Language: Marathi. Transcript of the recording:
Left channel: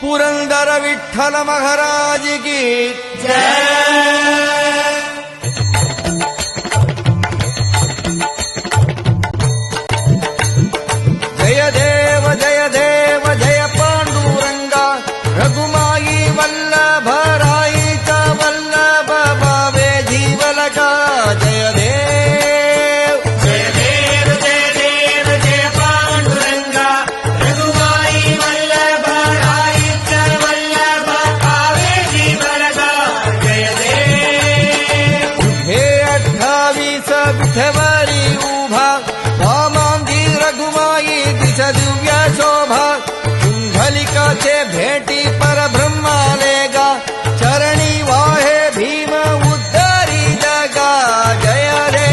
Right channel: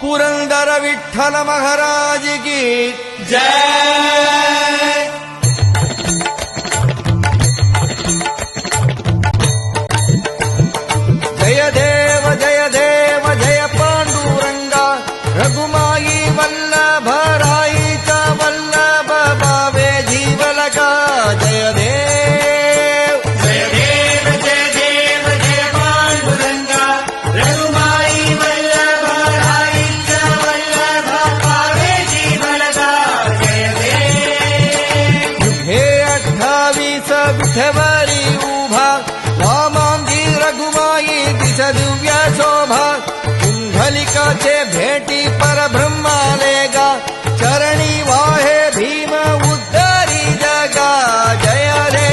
पुरंदर विठ्ठल महाराज की जय देव जय देव जय पांडुरंगा रघुमाई वल्लभ राईचा वल्लभ भावे जीवलका जय देव जय देव जय देव जय पांडुरंगा रघुमाई वल्लभ राईचा वल्लभ भावे जीवलका जय देव हे 28 विठवरी उभा वामांगी रघुमाई दिस दिव्य शोभा कुंडलिकाचे भेटी परब्रह्मालेगा चरणी वाहे भीम उद्धारी जगा जय रे